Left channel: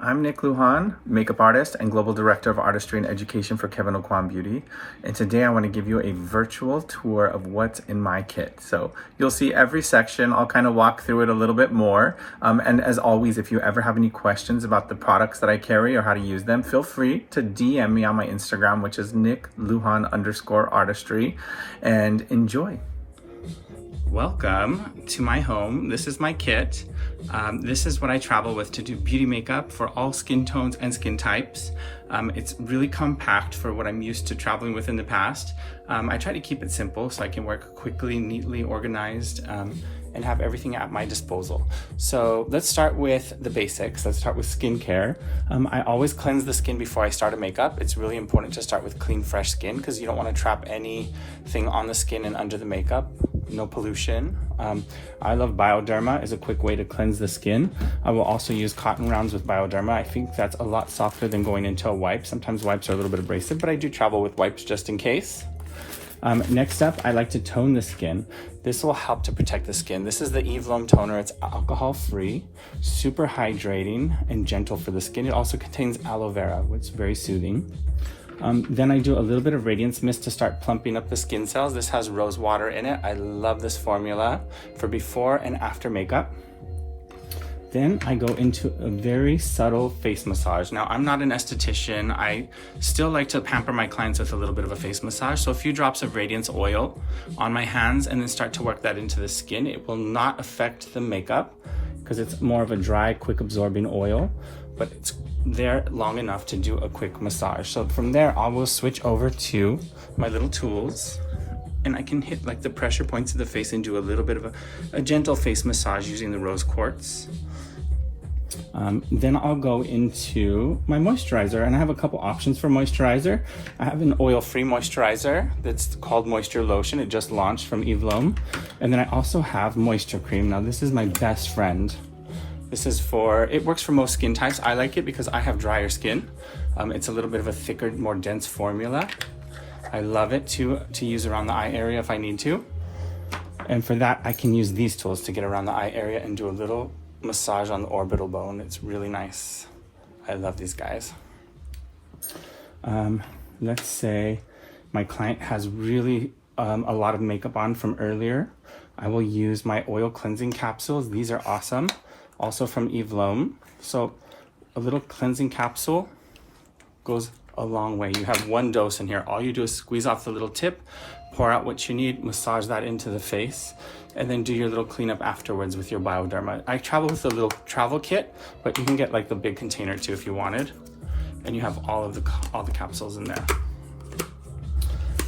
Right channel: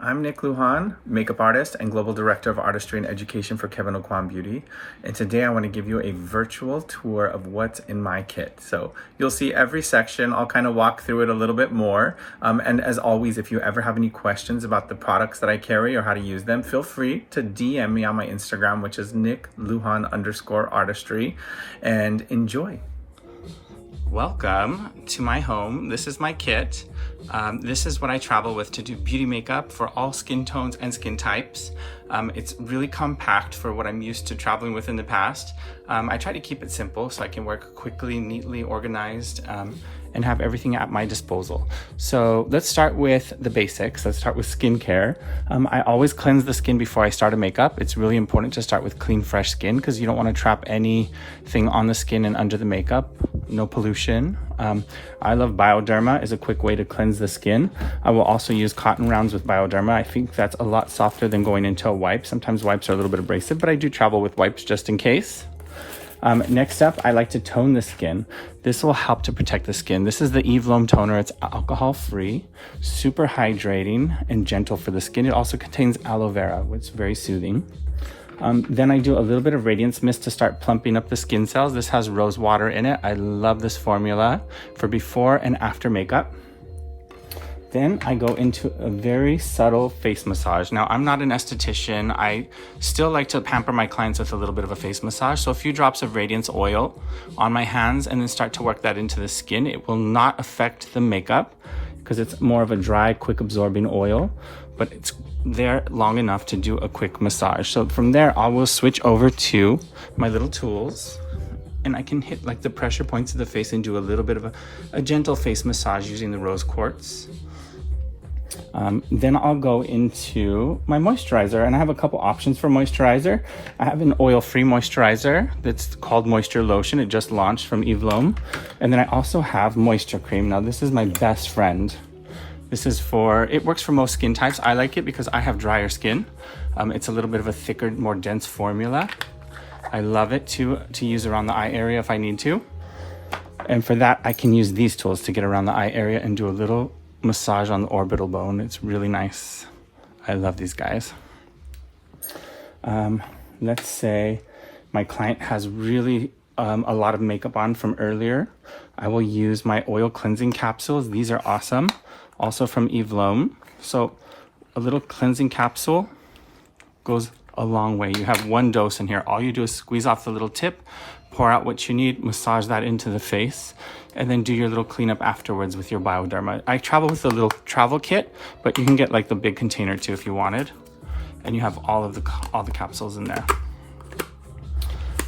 I'm Nick Lujan, makeup artist and global director of artistry and education for Kevyn Aucoin Beauty. And today I want to give you a virtual tour of what's in my kit. So you'll see every section. I'll kind of walk through it a little bit more. And as always, if you ever have any questions about the products that I carry or how to use them, feel free to DM me on my Instagram, which is nicklujan_artistry, and enjoy. Welcome to my home. This is my kit. This is what I travel with to do beauty makeup for all skin tones and skin types. It's really compact for what I'm used to traveling with in the past. I try to keep it simple so I can work quickly, neatly, organized, and have everything at my disposal. So let's start with the basics. Let's start with skincare. I always cleanse the skin before I start a makeup. It's really important to start with clean, fresh skin because you don't want to trap anything on the skin and under the makeup. No pollution. I love Bioderma is a quick way to cleanse the skin. I will also use cotton rounds with Bioderma. I think that's a lot softer than going into a wipe. Sometimes wipes are a little bit abrasive, but I do travel with wipes just in case. Next up, I like to tone the skin. This will help to protect the skin. This is the Eve Lome Toner. It's alcohol-free, super hydrating, and gentle for the skin. It also contains aloe vera, which is very soothing. Then I do a little bit of Radiance Mist to start plumping up the skin cells. This has rose water in it. I love this formula for before and after makeup. Then I go into a very subtle face massage. Now, I'm not an esthetician. I still like to pamper my clients with a little bit of a face massage. So a few drops of Radiance oil on my hands and then start to work that into the skin. It will not affect the makeup because it's more of a dry, quick absorbing oil, but it's there long enough to do a quick massage. So from there, I will switch over to my little tools and I can hit like the pressure points of the face and do a little bit of a gentle face massage using the rose quartz. Then I'll go into my moisturizer, and I have a couple options for moisturizer. I have an oil-free moisturizer that's called Moisture Lotion. It just launched from Eve Lome. And then I also have Moisture Cream. Now this is my best friend. This is it works for most skin types. I like it because I have drier skin. It's a little bit of a thicker, more dense formula. I love it to use around the eye area if I need to. And for that, I can use these tools to get around the eye area and do a little massage on the orbital bone. It's really nice. I love these guys. Let's say my client has really a lot of makeup on from earlier. I will use my oil cleansing capsules. These are awesome. Also from Eve Lome. So a little cleansing capsule goes a long way. You have one dose in here. All you do is squeeze off the little tip, pour out what you need, massage that into the face, and then do your little cleanup afterwards with your Bioderma. I travel with a little travel kit, but you can get like the big container too if you wanted. And you have all the capsules in there.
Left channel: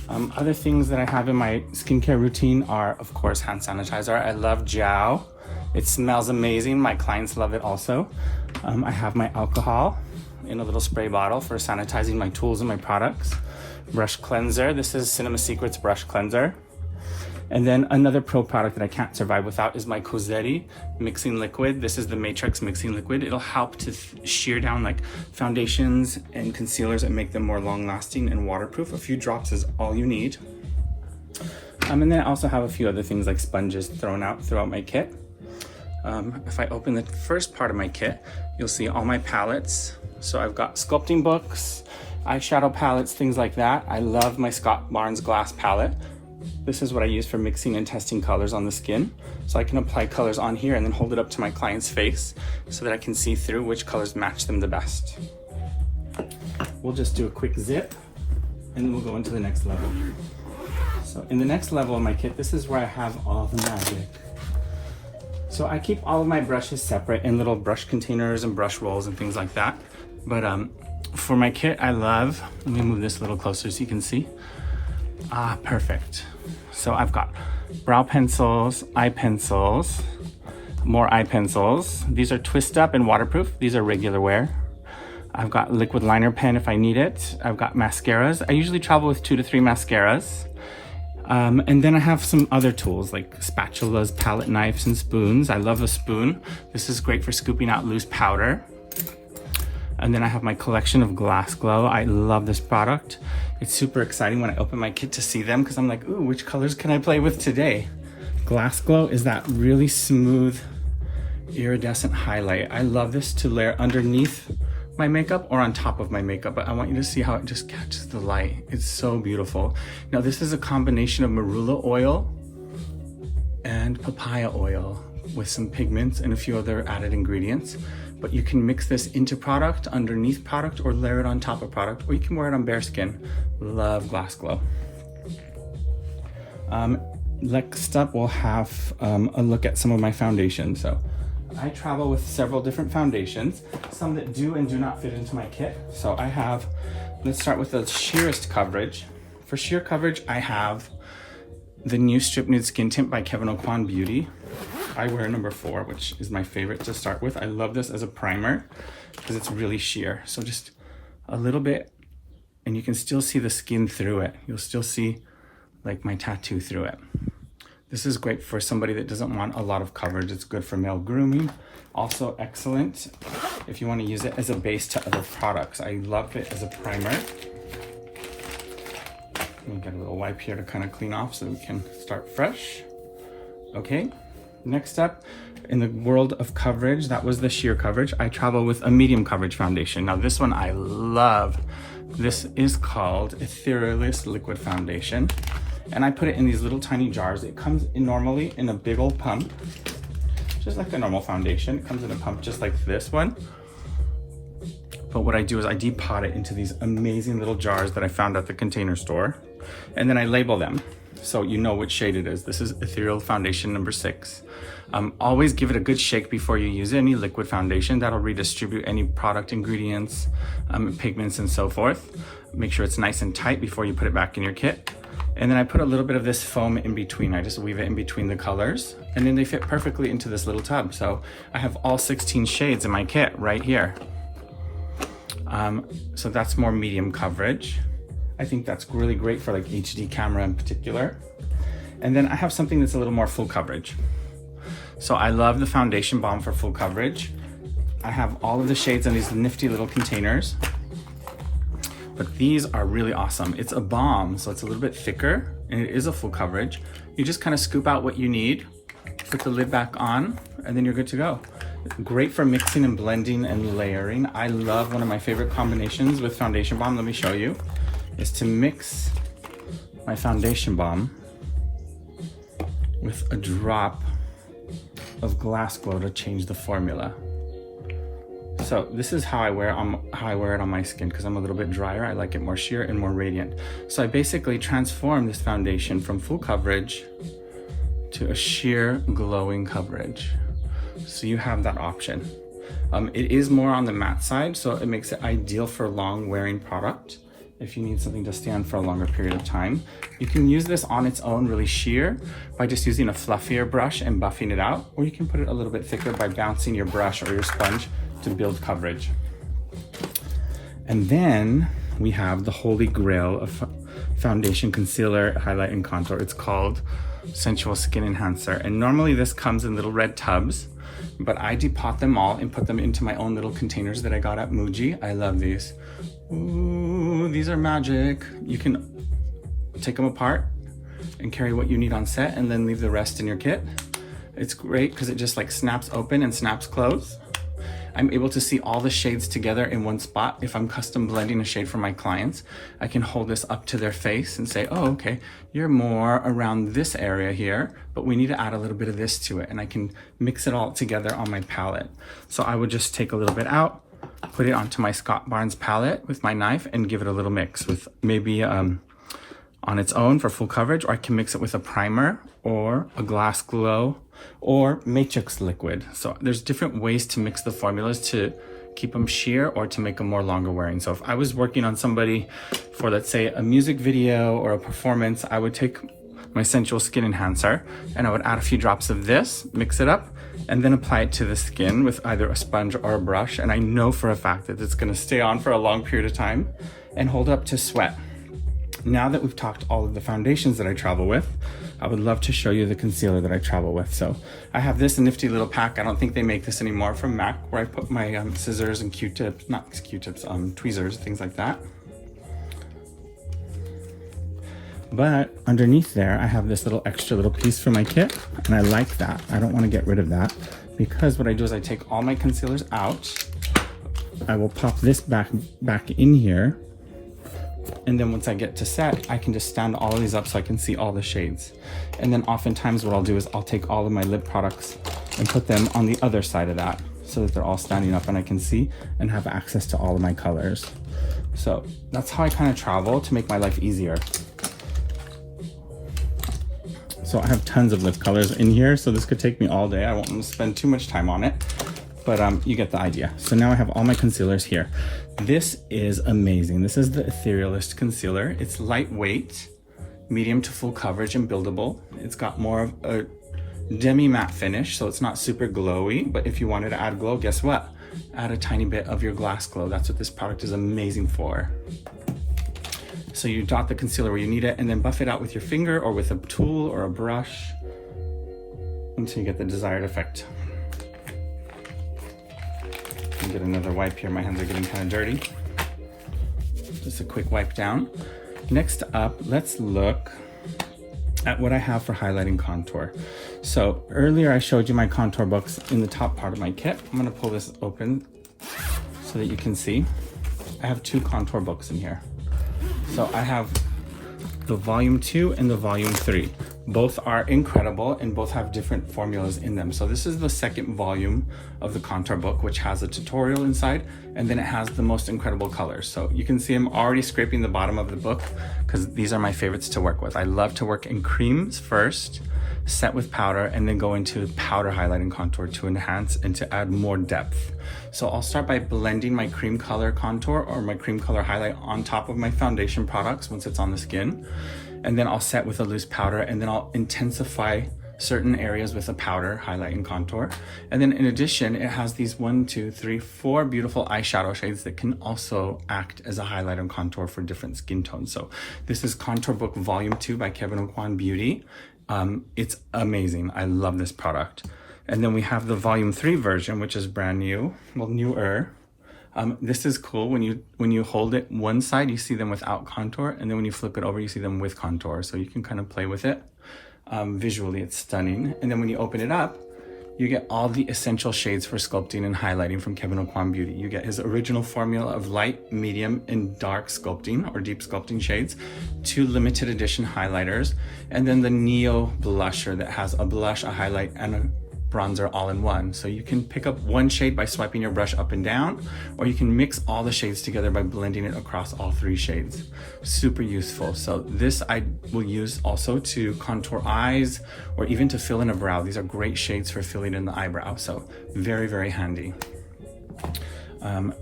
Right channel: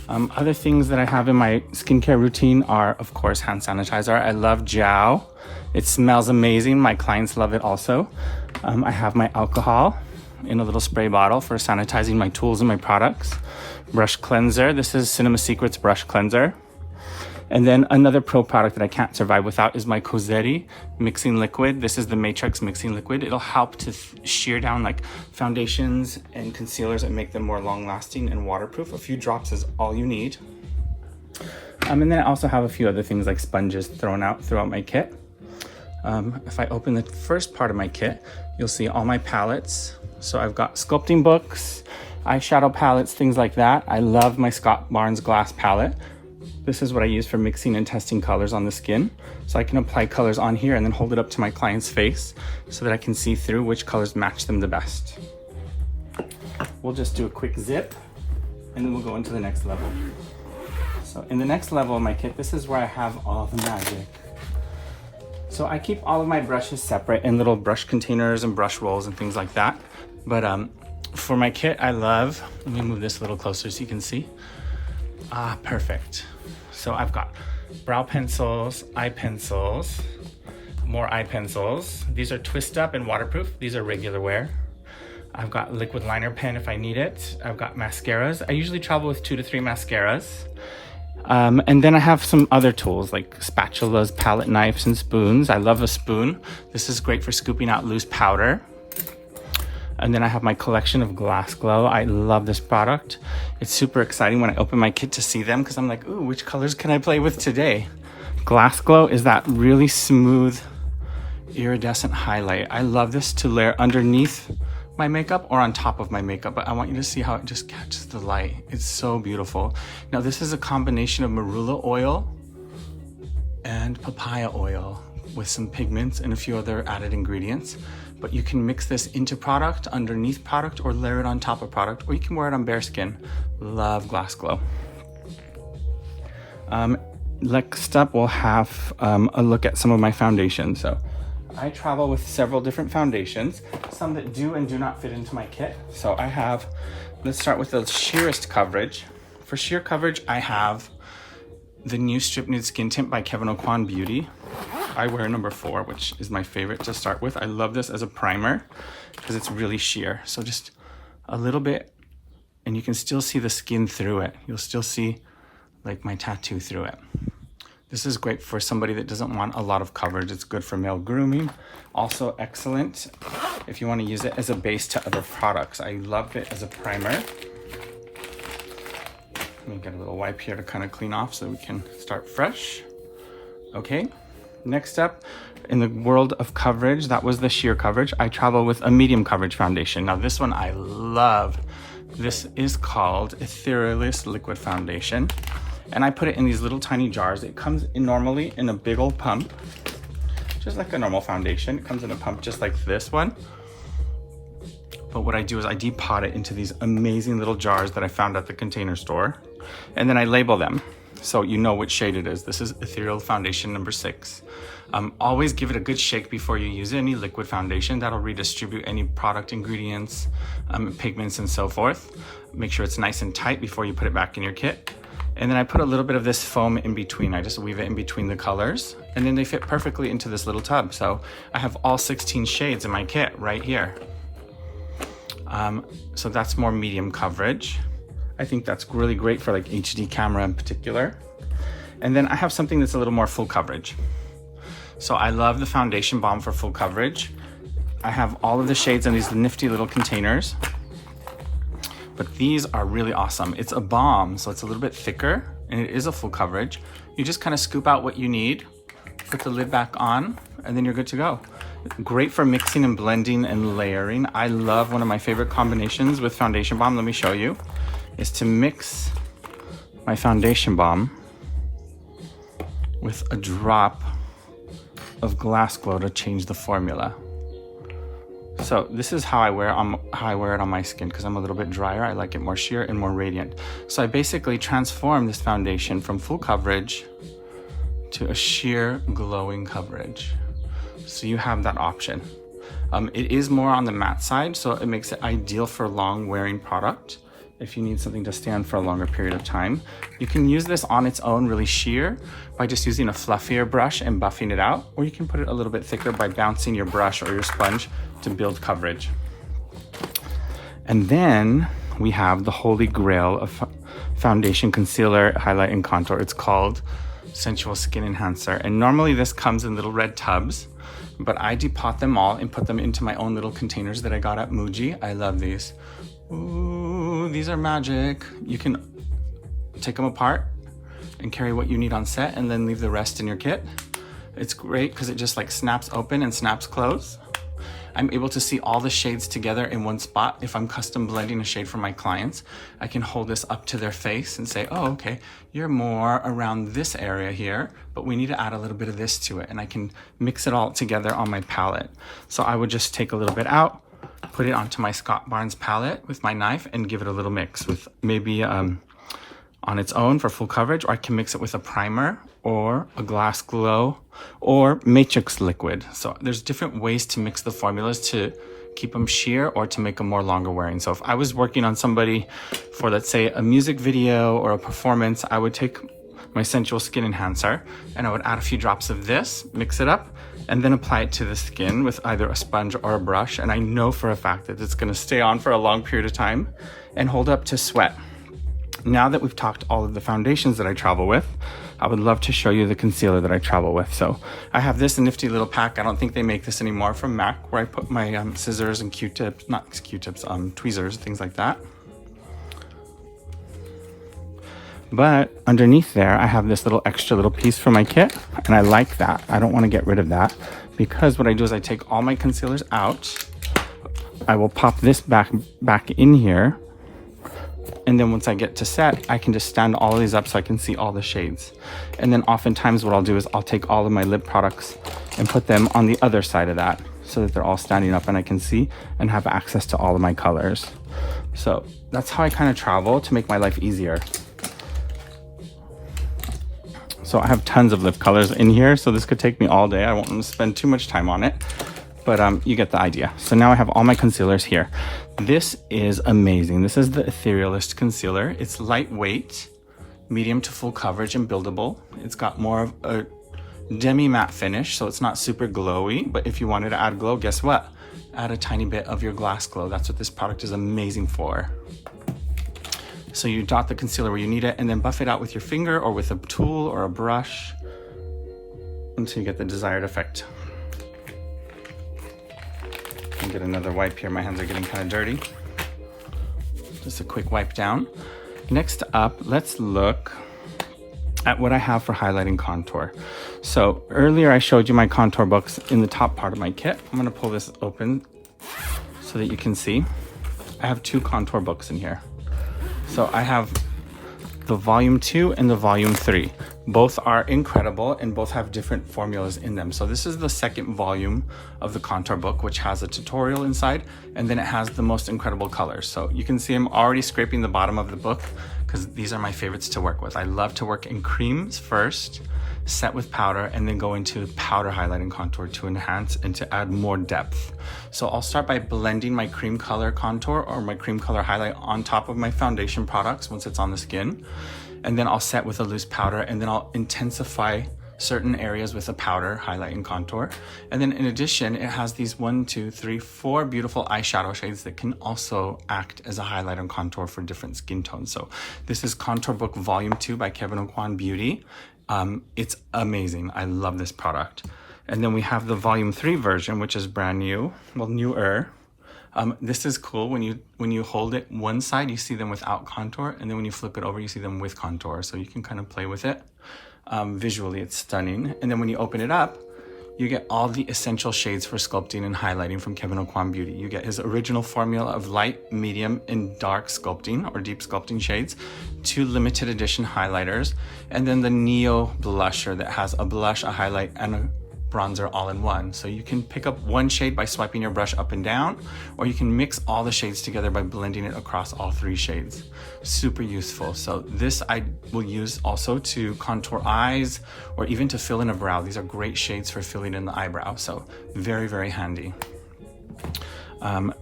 Other things that I have in my skincare routine are, of course, hand sanitizer. I love Jow. It smells amazing. My clients love it also. I have my alcohol in a little spray bottle for sanitizing my tools and my products. Brush cleanser. This is Cinema Secrets brush cleanser. And then another pro product that I can't survive without is my Cosetti mixing liquid. This is the Matrix mixing liquid. It'll help to shear down like foundations and concealers and make them more long lasting and waterproof. A few drops is all you need. And then I also have a few other things like sponges throughout my kit. If I open the first part of my kit, you'll see all my palettes. So I've got sculpting books, eyeshadow palettes, things like that. I love my Scott Barnes glass palette. This is what I use for mixing and testing colors on the skin. So I can apply colors on here and then hold it up to my client's face so that I can see through which colors match them the best. We'll just do a quick zip and then we'll go into the next level. So in the next level of my kit, this is where I have all the magic. So I keep all of my brushes separate in little brush containers and brush rolls and things like that. But for my kit, I love, let me move this a little closer so you can see. Perfect. So I've got brow pencils, eye pencils, more eye pencils. These are twist up and waterproof. These are regular wear. I've got liquid liner pen if I need it. I've got mascaras. I usually travel with 2 to 3 mascaras. And then I have some other tools like spatulas, palette knives, and spoons. I love a spoon. This is great for scooping out loose powder. And then I have my collection of Glass Glow. I love this product. It's super exciting when I open my kit to see them because I'm like, ooh, which colors can I play with today? Glass Glow is that really smooth iridescent highlight. I love this to layer underneath my makeup or on top of my makeup, but I want you to see how it just catches the light. It's so beautiful. Now this is a combination of marula oil and papaya oil with some pigments and a few other added ingredients. But you can mix this into product, underneath product, or layer it on top of product, or you can wear it on bare skin. Love Glass Glow. Next up, we'll have a look at some of my foundations. So I travel with several different foundations, some that do and do not fit into my kit. So I have, let's start with the sheerest coverage. For sheer coverage, I have the new Strip Nude Skin Tint by Kevyn Aucoin Beauty. I wear number 4, which is my favorite to start with. I love this as a primer because it's really sheer. So just a little bit, and you can still see the skin through it. You'll still see like my tattoo through it. This is great for somebody that doesn't want a lot of coverage. It's good for male grooming. Also excellent if you want to use it as a base to other products. I love it as a primer. Let me get a little wipe here to kind of clean off so we can start fresh. Okay, next up in the world of coverage, that was the sheer coverage. I travel with a medium coverage foundation. Now this one I love. This is called Etherealist Liquid Foundation. And I put it in these little tiny jars. It comes in normally in a big old pump, just like a normal foundation. It comes in a pump just like this one. But what I do is I depot it into these amazing little jars that I found at the Container Store. And then I label them so you know which shade it is. This is Ethereal Foundation number 6. Always give it a good shake before you use any liquid foundation. That'll redistribute any product ingredients, pigments, and so forth. Make sure it's nice and tight before you put it back in your kit. And then I put a little bit of this foam in between. I just weave it in between the colors, and then they fit perfectly into this little tub. So I have all 16 shades in my kit right here. So that's more medium coverage. I think that's really great for like HD camera in particular. And then I have something that's a little more full coverage. So I love the foundation balm for full coverage. I have all of the shades in these nifty little containers. But these are really awesome. It's a balm, so it's a little bit thicker, and it is a full coverage. You just kind of scoop out what you need, put the lid back on, and then you're good to go. Great for mixing and blending and layering. I love, one of my favorite combinations with foundation balm, let me show you, is to mix my foundation balm with a drop of Glass Glow to change the formula. So this is how I wear it on my skin, because I'm a little bit drier. I like it more sheer and more radiant. So I basically transform this foundation from full coverage to a sheer glowing coverage. So you have that option. It is more on the matte side, so it makes it ideal for long wearing product. If you need something to stay on for a longer period of time, you can use this on its own really sheer by just using a fluffier brush and buffing it out, or you can put it a little bit thicker by bouncing your brush or your sponge to build coverage. And then we have the holy grail of foundation, concealer, highlight, and contour. It's called Sensual Skin Enhancer. And normally this comes in little red tubs, but I depot them all and put them into my own little containers that I got at Muji. I love these. Ooh, these are magic. You can take them apart and carry what you need on set and then leave the rest in your kit. It's great because it just like snaps open and snaps closed. I'm able to see all the shades together in one spot. If I'm custom blending a shade for my clients, I can hold this up to their face and say, oh, okay, you're more around this area here, but we need to add a little bit of this to it. And I can mix it all together on my palette. So I would just take a little bit out, put it onto my Scott Barnes palette with my knife and give it a little mix with maybe on its own for full coverage, or I can mix it with a primer or a Glass Glow or Matrix liquid. So there's different ways to mix the formulas to keep them sheer or to make them more longer wearing. So if I was working on somebody for, let's say, a music video or a performance, I would take my Sensual Skin Enhancer and I would add a few drops of this, mix it up, and then apply it to the skin with either a sponge or a brush. And I know for a fact that it's gonna stay on for a long period of time and hold up to sweat. Now that we've talked all of the foundations that I travel with, I would love to show you the concealer that I travel with. So I have this nifty little pack. I don't think they make this anymore, from MAC, where I put my scissors and Q-tips, not Q-tips, tweezers, things like that. But underneath there, I have this little extra little piece for my kit, and I like that. I don't want to get rid of that because what I do is I take all my concealers out. I will pop this back in here. And then once I get to set, I can just stand all of these up so I can see all the shades. And then oftentimes what I'll do is I'll take all of my lip products and put them on the other side of that so that they're all standing up and I can see and have access to all of my colors. So that's how I kind of travel to make my life easier. So I have tons of lip colors in here, so this could take me all day. I won't spend too much time on it, but you get the idea. So now I have all my concealers here. This is amazing. This is the Etherealist concealer. It's lightweight, medium to full coverage, and buildable. It's got more of a demi matte finish, so it's not super glowy, but if you wanted to add glow, guess what? Add a tiny bit of your glass glow. That's what this product is amazing for. So you dot the concealer where you need it and then buff it out with your finger or with a tool or a brush until you get the desired effect. I'll get another wipe here. My hands are getting kind of dirty. Just a quick wipe down. Next up, let's look at what I have for highlighting contour. So earlier I showed you my contour books in the top part of my kit. I'm gonna pull this open so that you can see. I have 2 contour books in here. So I have the volume 2 and the volume 3. Both are incredible and both have different formulas in them. So this is the second volume of the contour book, which has a tutorial inside, and then it has the most incredible colors. So you can see I'm already scraping the bottom of the book because these are my favorites to work with. I love to work in creams first, set with powder, and then go into powder highlighting contour to enhance and to add more depth. So I'll start by blending my cream color contour or my cream color highlight on top of my foundation products once it's on the skin. And then I'll set with a loose powder, and then I'll intensify certain areas with a powder highlight and contour. And then in addition, it has these 1, 2, 3, 4 beautiful eyeshadow shades that can also act as a highlight and contour for different skin tones. So this is Contour Book Volume 2 by Kevyn Aucoin Beauty. It's amazing. I love this product. And then we have the Volume 3 version, which is brand new, well, newer. This is cool. When you hold it one side, you see them without contour, and then when you flip it over, you see them with contour. So you can kind of play with it. Visually, it's stunning. And then when you open it up, you get all the essential shades for sculpting and highlighting from Kevyn Aucoin Beauty. You get his original formula of light, medium, and dark sculpting or deep sculpting shades, 2 limited edition highlighters, and then the Neo blusher that has a blush, a highlight, and a bronzer all in one. So you can pick up one shade by swiping your brush up and down, or you can mix all the shades together by blending it across all 3 shades. Super useful. So this I will use also to contour eyes or even to fill in a brow. These are great shades for filling in the eyebrow. So very, very handy.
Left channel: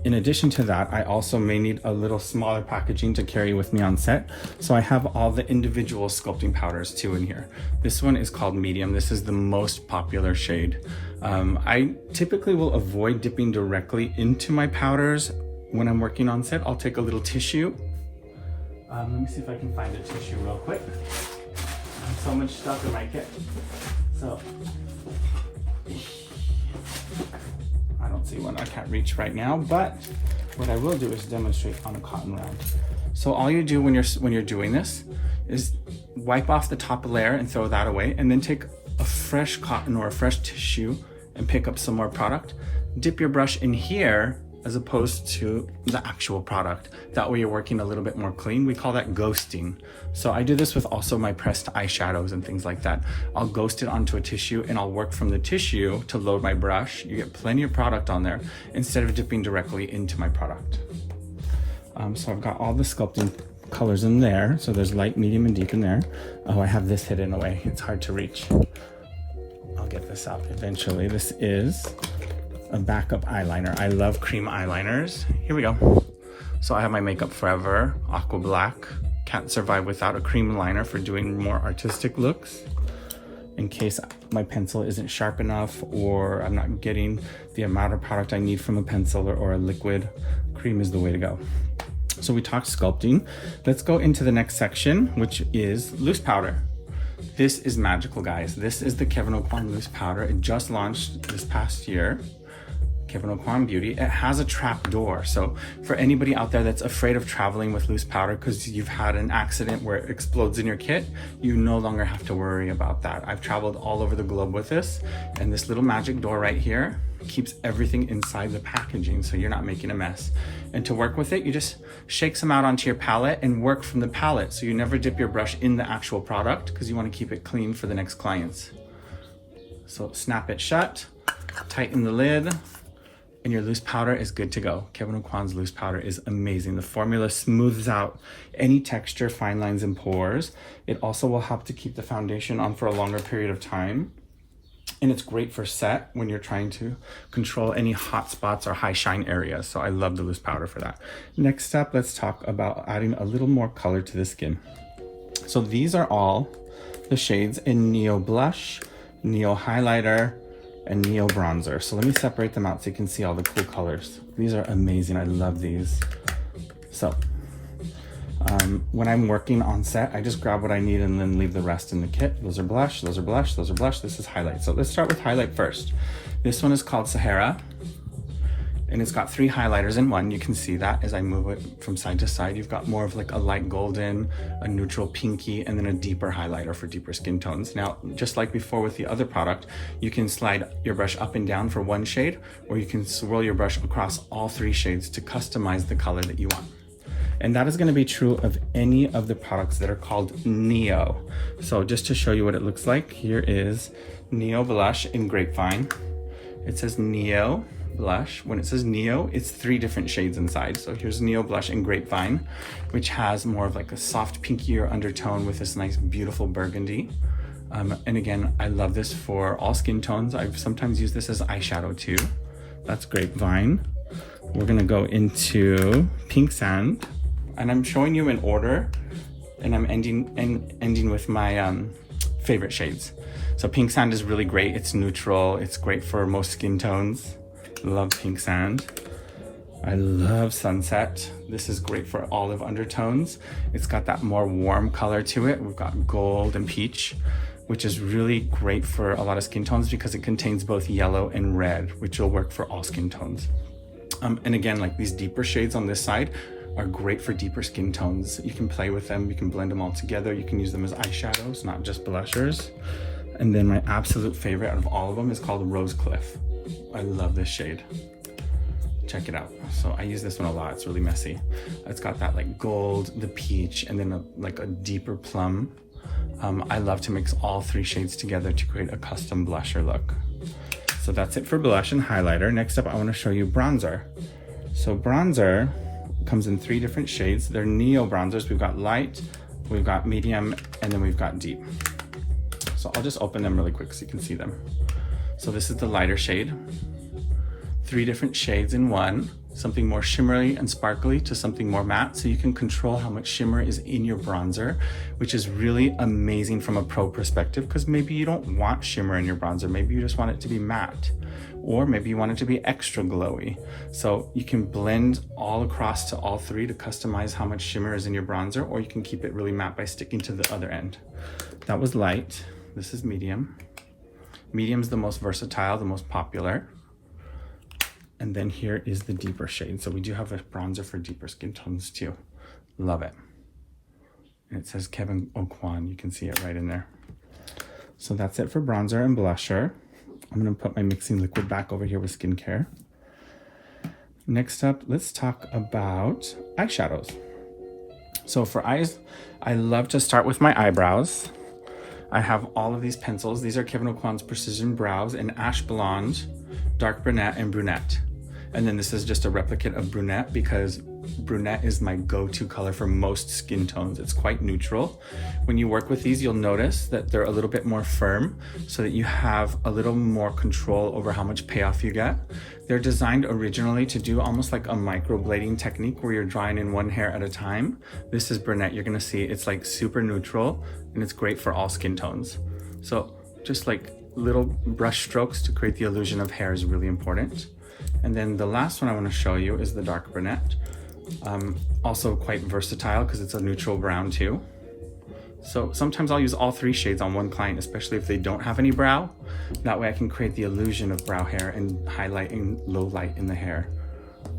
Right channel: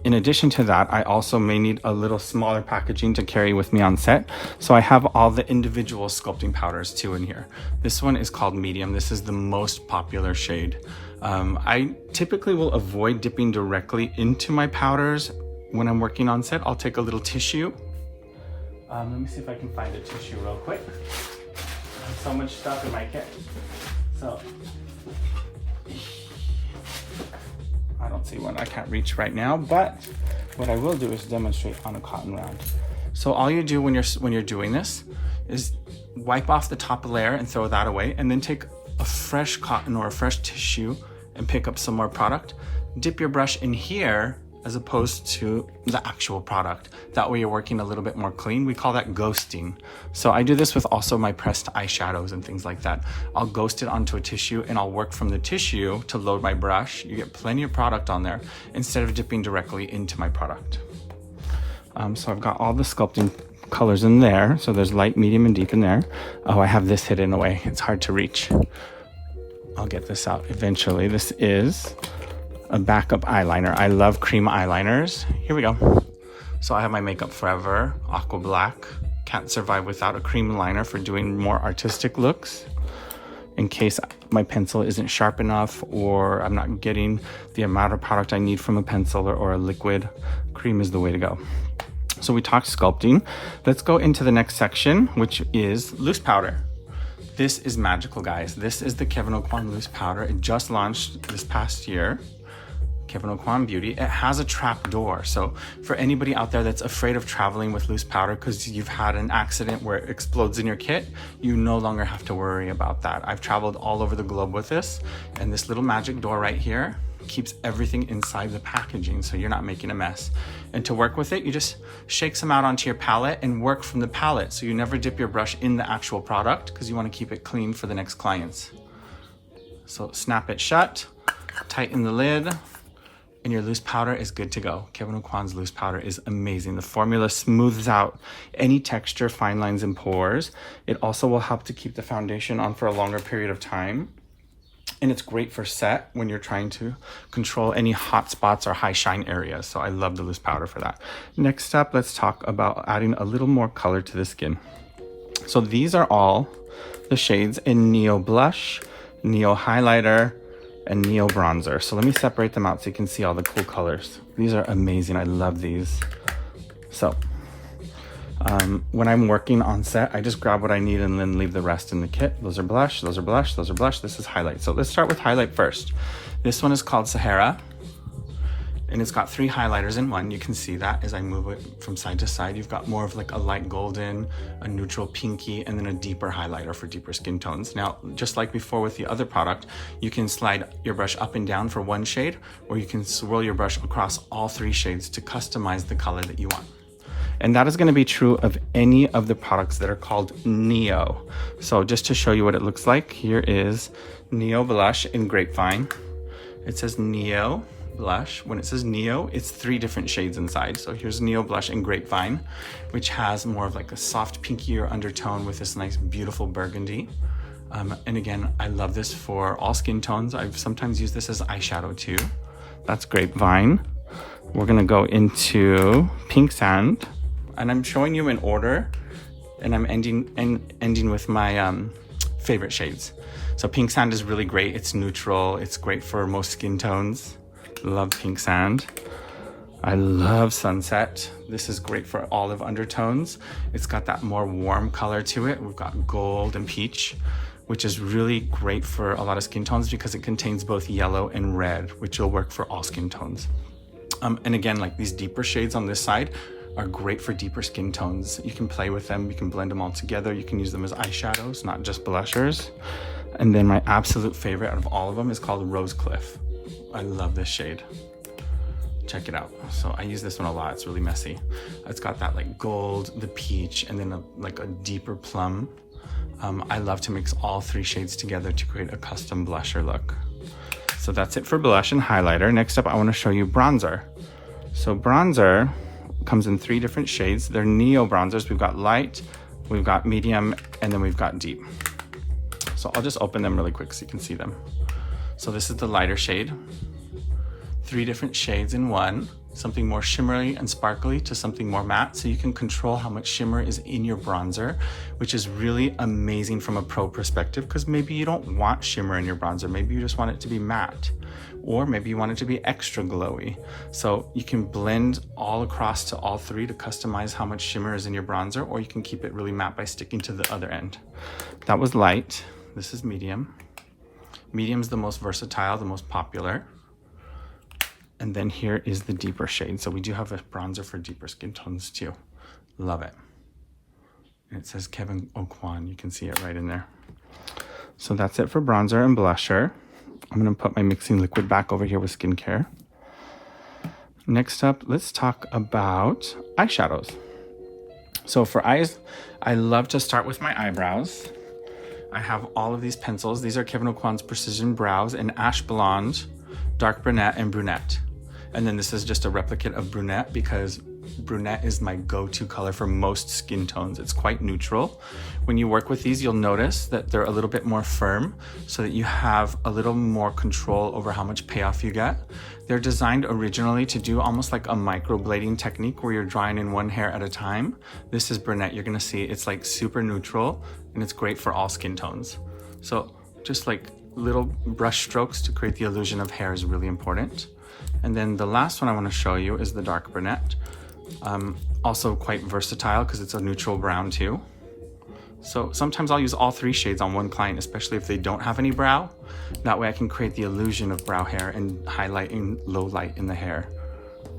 In addition to that, I also may need a little smaller packaging to carry with me on set. So I have all the individual sculpting powders too in here. This one is called Medium. This is the most popular shade. I typically will avoid dipping directly into my powders when I'm working on set. I'll take a little tissue. Let me see if I can find a tissue real quick. I have so much stuff in my kit. So I don't see one, I can't reach right now, but what I will do is demonstrate on a cotton rag. So all you do when you're doing this is wipe off the top layer and throw that away, and then take a fresh cotton or a fresh tissue and pick up some more product. Dip your brush in here as opposed to the actual product. That way you're working a little bit more clean. We call that ghosting. So I do this with also my pressed eyeshadows and things like that. I'll ghost it onto a tissue and I'll work from the tissue to load my brush. You get plenty of product on there instead of dipping directly into my product. So I've got all the sculpting colors in there. So there's light, medium, and deep in there. Oh, I have this hidden away. It's hard to reach. I'll get this out eventually. This is a backup eyeliner. I love cream eyeliners. Here we go. So I have my Makeup Forever Aqua Black. Can't survive without a cream liner for doing more artistic looks. In case my pencil isn't sharp enough or I'm not getting the amount of product I need from a pencil or a liquid, cream is the way to go. So we talked sculpting. Let's go into the next section, which is loose powder. This is magical, guys. This is the Kevyn Aucoin loose powder. It just launched this past year. Kevyn Aucoin Beauty. It has a trap door. So for anybody out there that's afraid of traveling with loose powder because you've had an accident where it explodes in your kit, you no longer have to worry about that. I've traveled all over the globe with this, and this little magic door right here keeps everything inside the packaging so you're not making a mess. And to work with it, you just shake some out onto your palette and work from the palette. So you never dip your brush in the actual product because you want to keep it clean for the next clients. So snap it shut, tighten the lid, and your loose powder is good to go. Kevyn Aucoin's loose powder is amazing. The formula smooths out any texture, fine lines, and pores. It also will help to keep the foundation on for a longer period of time. And it's great for set when you're trying to control any hot spots or high shine areas. So I love the loose powder for that. Next up, let's talk about adding a little more color to the skin. So these are all the shades in Neo Blush, Neo Highlighter, and Neo Bronzer. So let me separate them out so you can see all the cool colors. These are amazing. I love these. So when I'm working on set, I just grab what I need and then leave the rest in the kit. Those are blush, those are blush, those are blush. This is highlight. So let's start with highlight first. This one is called Sahara, and it's got 3 highlighters in one. You can see that as I move it from side to side. You've got more of like a light golden, a neutral pinky, and then a deeper highlighter for deeper skin tones. Now, just like before with the other product, you can slide your brush up and down for one shade, or you can swirl your brush across all 3 shades to customize the color that you want. And that is going to be true of any of the products that are called Neo. So just to show you what it looks like, here is Neo Blush in Grapevine. It says Neo Blush. When it says Neo, it's 3 different shades inside. So here's Neo Blush in Grapevine, which has more of like a soft pinkier undertone with this nice beautiful burgundy. And again, I love this for all skin tones. I've sometimes used this as eyeshadow too. That's Grapevine. We're gonna go into Pink Sand, and I'm showing you in order, and I'm ending with my favorite shades. So Pink Sand is really great. It's neutral. It's great for most skin tones. Love Pink Sand. I love Sunset. This is great for olive undertones. It's got that more warm color to it. We've got gold and peach, which is really great for a lot of skin tones because it contains both yellow and red, which will work for all skin tones. And again, like these deeper shades on this side are great for deeper skin tones. You can play with them, you can blend them all together, you can use them as eyeshadows, not just blushers. And then my absolute favorite out of all of them is called Rose Cliff. I love this shade. Check it out. So I use this one a lot. It's really messy. It's got that like gold, the peach, and then like a deeper plum. I love to mix all 3 shades together to create a custom blusher look. So that's it for blush and highlighter. Next up, I want to show you bronzer. So bronzer comes in 3 different shades. They're Neo bronzers. We've got light, we've got medium, and then we've got deep. So I'll just open them really quick so you can see them. So this is the lighter shade. 3 different shades in one. Something more shimmery and sparkly to something more matte, so you can control how much shimmer is in your bronzer, which is really amazing from a pro perspective, because maybe you don't want shimmer in your bronzer. Maybe you just want it to be matte, or maybe you want it to be extra glowy. So you can blend all across to all 3 to customize how much shimmer is in your bronzer, or you can keep it really matte by sticking to the other end. That was light. This is medium. Medium's the most versatile, the most popular. And then here is the deeper shade. So we do have a bronzer for deeper skin tones too. Love it. And it says Kevyn Aucoin. You can see it right in there. So that's it for bronzer and blusher. I'm gonna put my mixing liquid back over here with skincare. Next up, let's talk about eyeshadows. So for eyes, I love to start with my eyebrows. I have all of these pencils. These are Kevyn Aucoin's Precision Brows in Ash Blonde, Dark Brunette, and Brunette. And then this is just a replicate of Brunette because Brunette is my go-to color for most skin tones. It's quite neutral. When you work with these, you'll notice that they're a little bit more firm so that you have a little more control over how much payoff you get. They're designed originally to do almost like a microblading technique where you're drawing in one hair at a time. This is Brunette. You're gonna see it's like super neutral and it's great for all skin tones. So just like little brush strokes to create the illusion of hair is really important. And then the last one I want to show you is the Dark Brunette. Also quite versatile because it's a neutral brown too. So sometimes I'll use all 3 shades on one client, especially if they don't have any brow. That way I can create the illusion of brow hair and highlight in low light in the hair.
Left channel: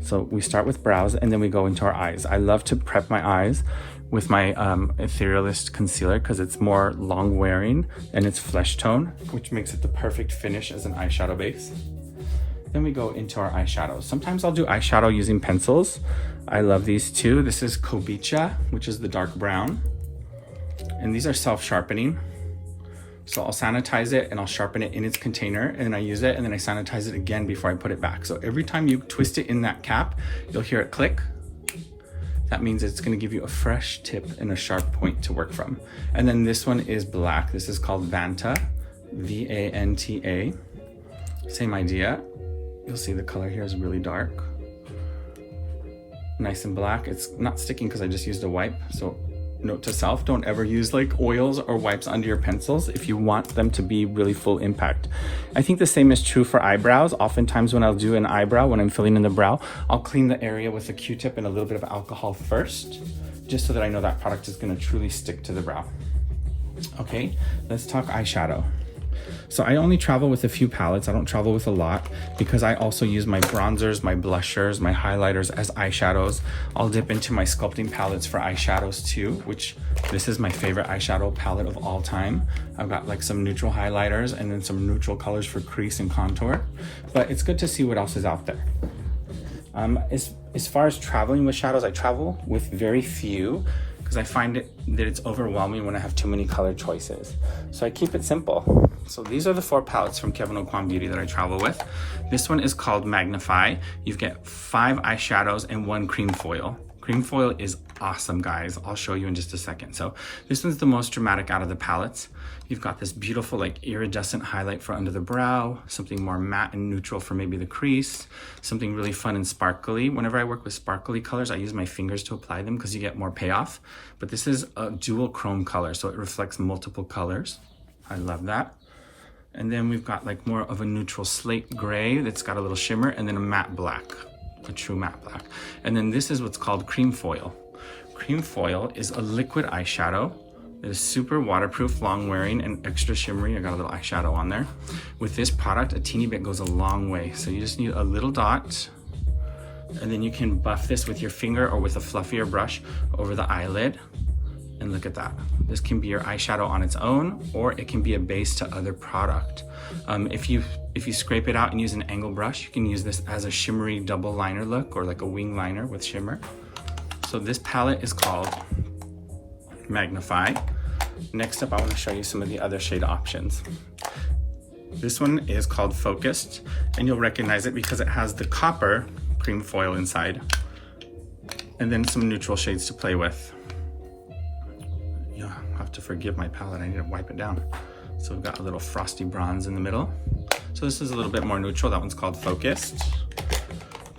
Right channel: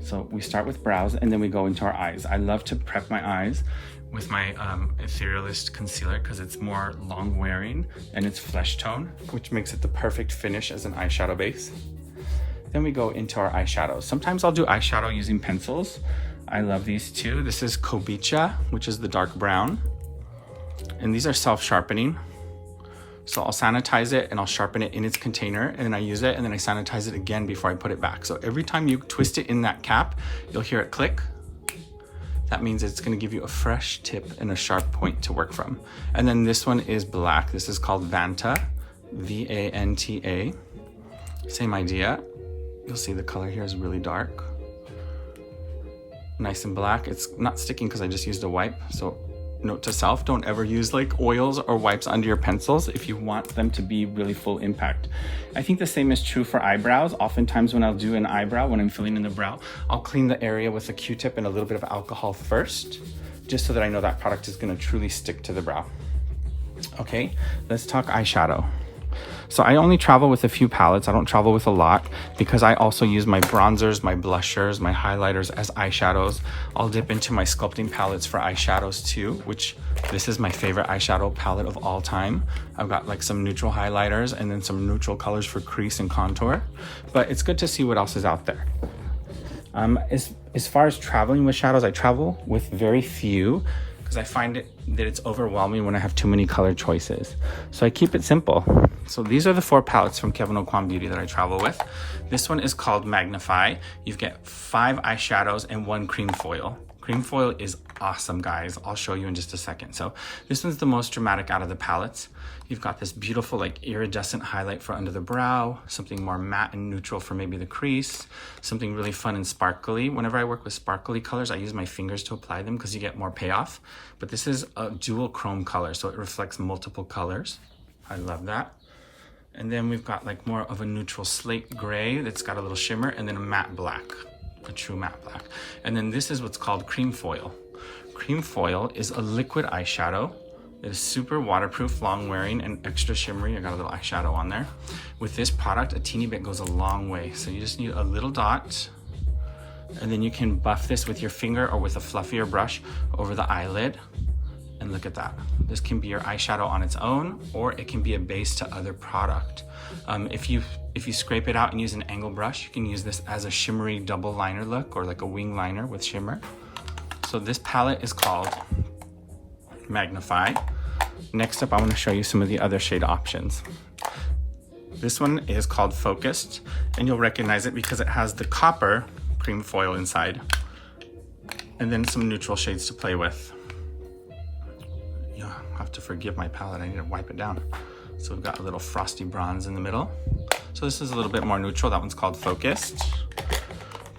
So we start with brows and then we go into our eyes. I love to prep my eyes with my Etherealist concealer because it's more long wearing and it's flesh tone, which makes it the perfect finish as an eyeshadow base. Then we go into our eyeshadows. Sometimes I'll do eyeshadow using pencils. I love these too. This is Kobicha, which is the dark brown. And these are self-sharpening. So I'll sanitize it and I'll sharpen it in its container, and then I use it and then I sanitize it again before I put it back. So every time you twist it in that cap, you'll hear it click. That means it's gonna give you a fresh tip and a sharp point to work from. And then this one is black. This is called Vanta, V-A-N-T-A. Same idea. You'll see the color here is really dark. Nice and black. It's not sticking because I just used a wipe. So note to self, don't ever use like oils or wipes under your pencils if you want them to be really full impact. I think the same is true for eyebrows. Oftentimes when I'll do an eyebrow, when I'm filling in the brow, I'll clean the area with a Q-tip and a little bit of alcohol first, just so that I know that product is gonna truly stick to the brow. Okay, let's talk eyeshadow. So I only travel with a few palettes. I don't travel with a lot because I also use my bronzers, my blushers, my highlighters as eyeshadows. I'll dip into my sculpting palettes for eyeshadows too, which this is my favorite eyeshadow palette of all time. I've got like some neutral highlighters and then some neutral colors for crease and contour, but it's good to see what else is out there. As far as traveling with shadows, I travel with very few because I find that it's overwhelming when I have too many color choices. So I keep it simple. So these are the 4 palettes from Kevyn Aucoin Beauty that I travel with. This one is called Magnify. You get 5 eyeshadows and 1 cream foil. Cream foil is awesome, guys. I'll show you in just a second. So this one's the most dramatic out of the palettes. You've got this beautiful like iridescent highlight for under the brow, something more matte and neutral for maybe the crease, something really fun and sparkly. Whenever I work with sparkly colors, I use my fingers to apply them because you get more payoff. But this is a dual chrome color, so it reflects multiple colors. I love that. And then we've got like more of a neutral slate gray that's got a little shimmer, and then a matte black, a true matte black. And then this is what's called cream foil. Cream foil is a liquid eyeshadow. It is super waterproof, long wearing, and extra shimmery. I got a little eyeshadow on there. With this product, a teeny bit goes a long way. So you just need a little dot, and then you can buff this with your finger or with a fluffier brush over the eyelid. And look at that. This can be your eyeshadow on its own, or it can be a base to other product. If you scrape it out and use an angle brush, you can use this as a shimmery double liner look, or like a wing liner with shimmer. So this palette is called Magnify. Next up, I want to show you some of the other shade options. This one is called Focused, and you'll recognize it because it has the copper cream foil inside, and then some neutral shades to play with. You'll have to forgive my palette, I need to wipe it down. So we've got a little frosty bronze in the middle. So this is a little bit more neutral. That one's called Focused.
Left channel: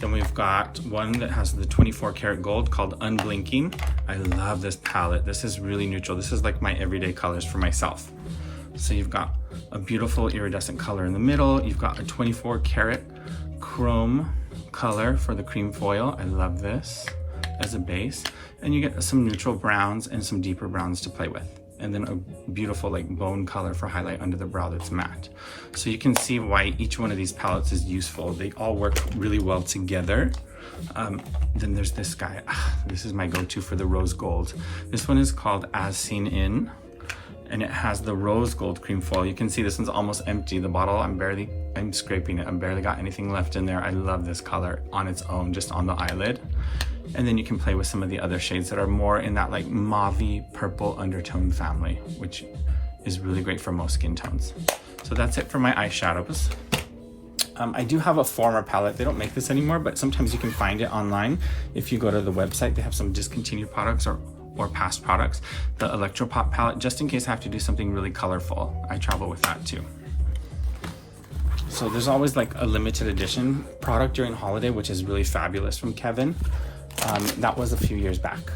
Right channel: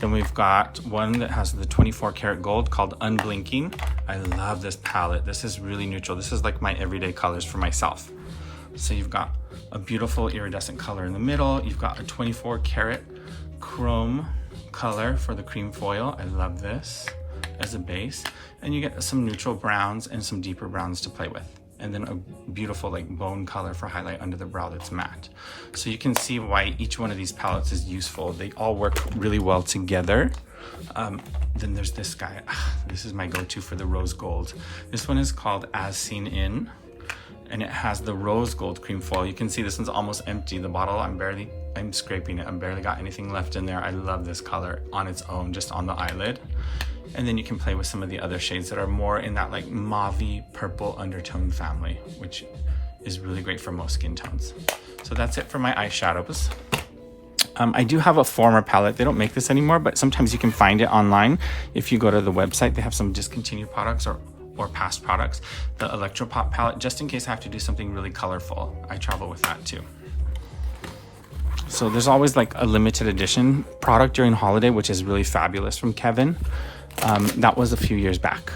Then we've got one that has the 24 karat gold called Unblinking. I love this palette. This is really neutral. This is like my everyday colors for myself. So you've got a beautiful iridescent color in the middle. You've got a 24 karat chrome color for the cream foil. I love this as a base. And you get some neutral browns and some deeper browns to play with. And then a beautiful like bone color for highlight under the brow that's matte. So you can see why each one of these palettes is useful. They all work really well together. Then there's this guy. This is my go-to for the rose gold. This one is called As Seen In, and it has the rose gold cream foil. You can see this one's almost empty. The bottle, I'm scraping it. I barely got anything left in there. I love this color on its own, just on the eyelid. And then you can play with some of the other shades that are more in that like mauve-y purple undertone family, which is really great for most skin tones. So that's it for my eyeshadows. I do have a former palette. They don't make this anymore, but sometimes you can find it online. If you go to the website, they have some discontinued products or past products. The Electropop palette, just in case I have to do something really colorful. I travel with that too. So there's always like a limited edition product during holiday, which is really fabulous from Kevyn. That was a few years back.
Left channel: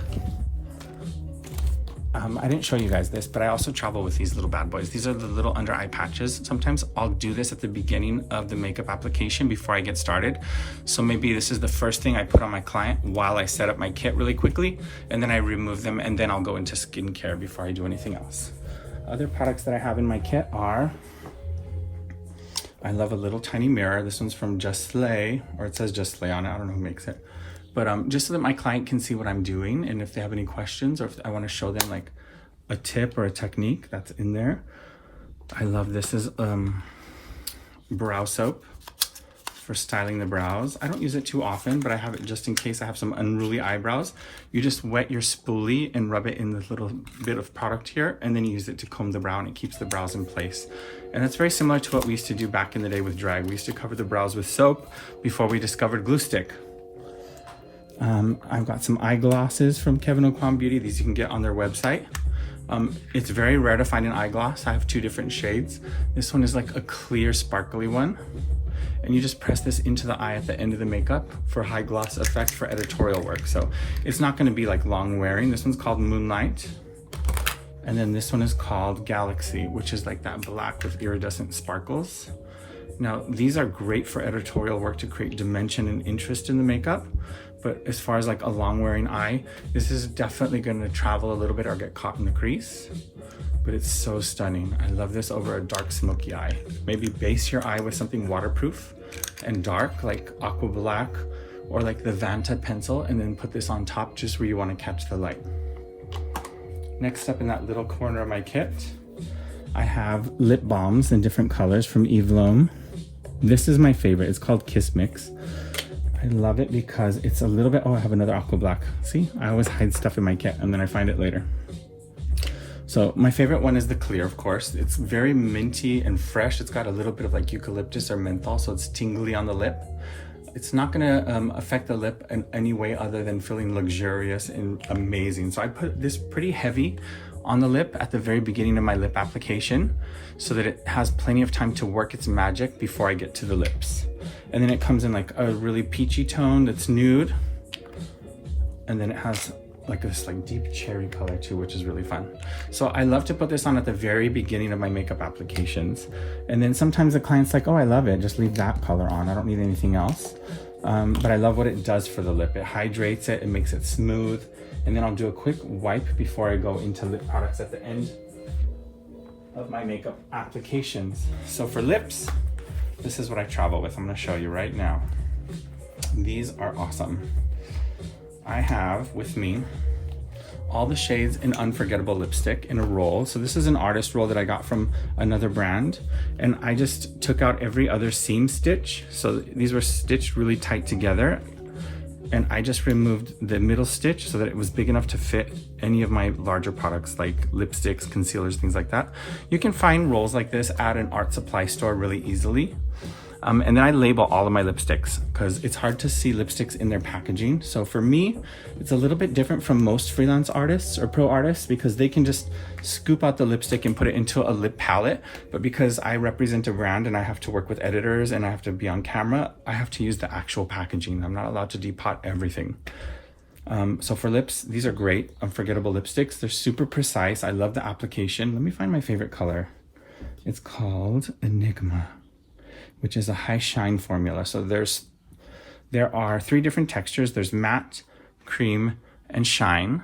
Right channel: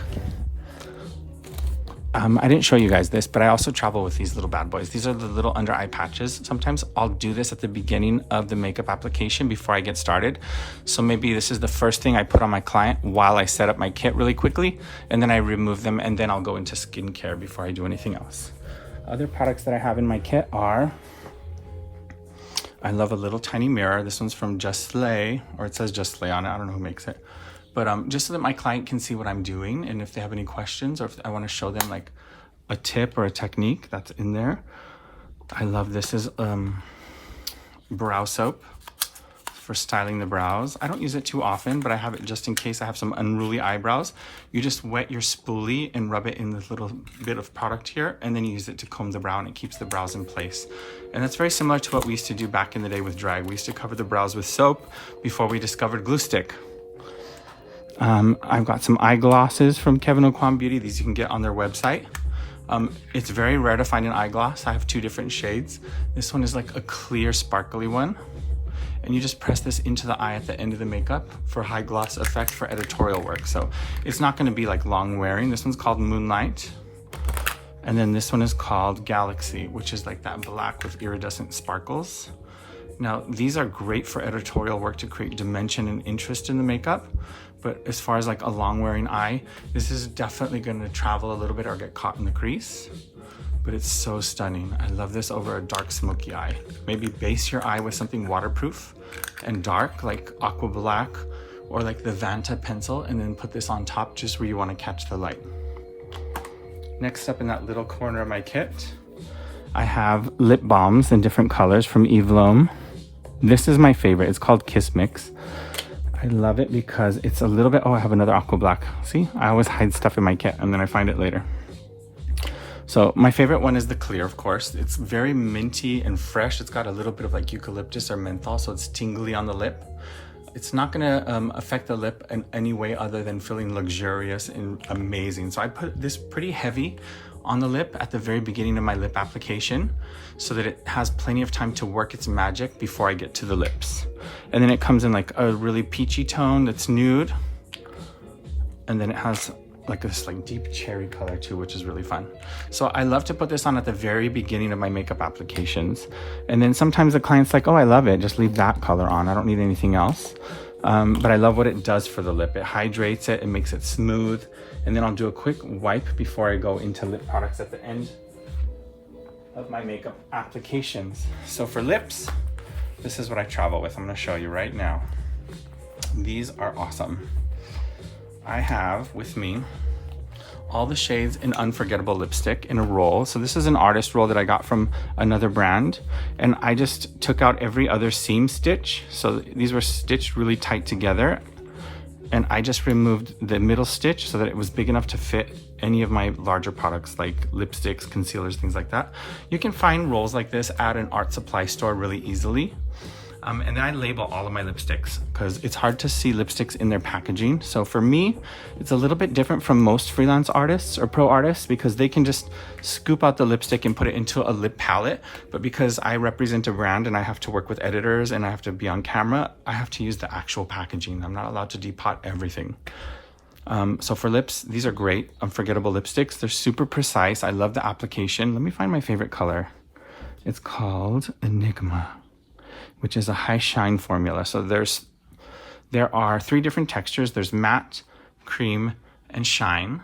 I didn't show you guys this, but I also travel with these little bad boys. These are the little under eye patches. Sometimes I'll do this at the beginning of the makeup application before I get started. So maybe this is the first thing I put on my client while I set up my kit really quickly, and then I remove them, and then I'll go into skincare before I do anything else. Other products that I have in my kit are, I love a little tiny mirror. This one's from Just Slay, or it says Just Slay on it. I don't know who makes it. But just so that my client can see what I'm doing, and if they have any questions, or if I want to show them like a tip or a technique, that's in there. I love this is brow soap for styling the brows. I don't use it too often, but I have it just in case I have some unruly eyebrows. You just wet your spoolie and rub it in this little bit of product here, and then you use it to comb the brow, and it keeps the brows in place. And that's very similar to what we used to do back in the day with drag. We used to cover the brows with soap before we discovered glue stick. I've got some eyeglasses from Kevyn Aucoin Beauty. These you can get on their website. It's very rare to find an eyeglass. I have 2 different shades. This one is like a clear, sparkly one. And you just press this into the eye at the end of the makeup for high gloss effect for editorial work. So it's not gonna be like long wearing. This one's called Moonlight. And then this one is called Galaxy, which is like that black with iridescent sparkles. Now, these are great for editorial work to create dimension and interest in the makeup. But as far as like a long wearing eye, this is definitely gonna travel a little bit or get caught in the crease. But it's so stunning. I love this over a dark smoky eye. Maybe base your eye with something waterproof and dark, like aqua black or like the Vanta pencil, and then put this on top just where you wanna catch the light. Next up in that little corner of my kit, I have lip balms in different colors from Eve Lom. This is my favorite, it's called Kiss Mix. I love it because it's a little bit, oh, I have another aqua black. See, I always hide stuff in my kit and then I find it later. So my favorite one is the clear, of course. It's very minty and fresh. It's got a little bit of like eucalyptus or menthol, so it's tingly on the lip. It's not gonna affect the lip in any way other than feeling luxurious and amazing. So I put this pretty heavy on the lip at the very beginning of my lip application so that it has plenty of time to work its magic before I get to the lips. And then it comes in like a really peachy tone that's nude. And then it has like this like deep cherry color too, which is really fun. So I love to put this on at the very beginning of my makeup applications. And then sometimes the client's like, oh, I love it, just leave that color on. I don't need anything else. But I love what it does for the lip. It hydrates it, it makes it smooth. And then I'll do a quick wipe before I go into lip products at the end of my makeup applications. So for lips, this is what I travel with. I'm gonna show you right now. These are awesome. I have with me all the shades in Unforgettable lipstick in a roll. So this is an artist roll that I got from another brand. And I just took out every other seam stitch. So these were stitched really tight together. And I just removed the middle stitch so that it was big enough to fit any of my larger products like lipsticks, concealers, things like that. You can find rolls like this at an art supply store really easily. And then I label all of my lipsticks because it's hard to see lipsticks in their packaging. So for me, it's a little bit different from most freelance artists or pro artists because they can just scoop out the lipstick and put it into a lip palette. But because I represent a brand and I have to work with editors and I have to be on camera, I have to use the actual packaging. I'm not allowed to depot everything. So for lips, these are great, Unforgettable lipsticks. They're super precise. I love the application. Let me find my favorite color. It's called Enigma, which is a high shine formula. So there are 3 different textures. There's matte, cream, and shine.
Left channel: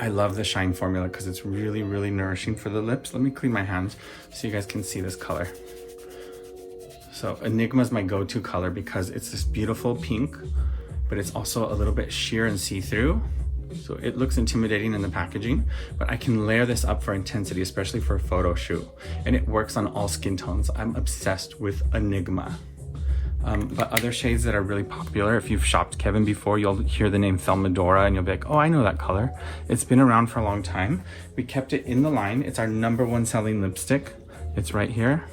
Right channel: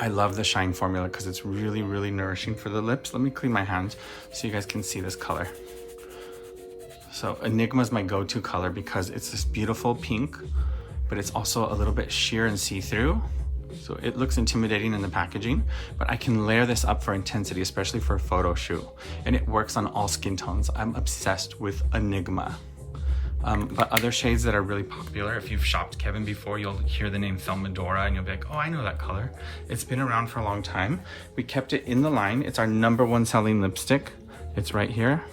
I love the shine formula because it's really, really nourishing for the lips. Let me clean my hands so you guys can see this color. So Enigma is my go-to color because it's this beautiful pink, but it's also a little bit sheer and see-through. So it looks intimidating in the packaging, but I can layer this up for intensity, especially for a photo shoot. And it works on all skin tones. I'm obsessed with Enigma. But other shades that are really popular, if you've shopped Kevyn before, you'll hear the name Thelmadora and you'll be like, oh, I know that color. It's been around for a long time. We kept it in the line. It's our #1 selling lipstick. It's right here.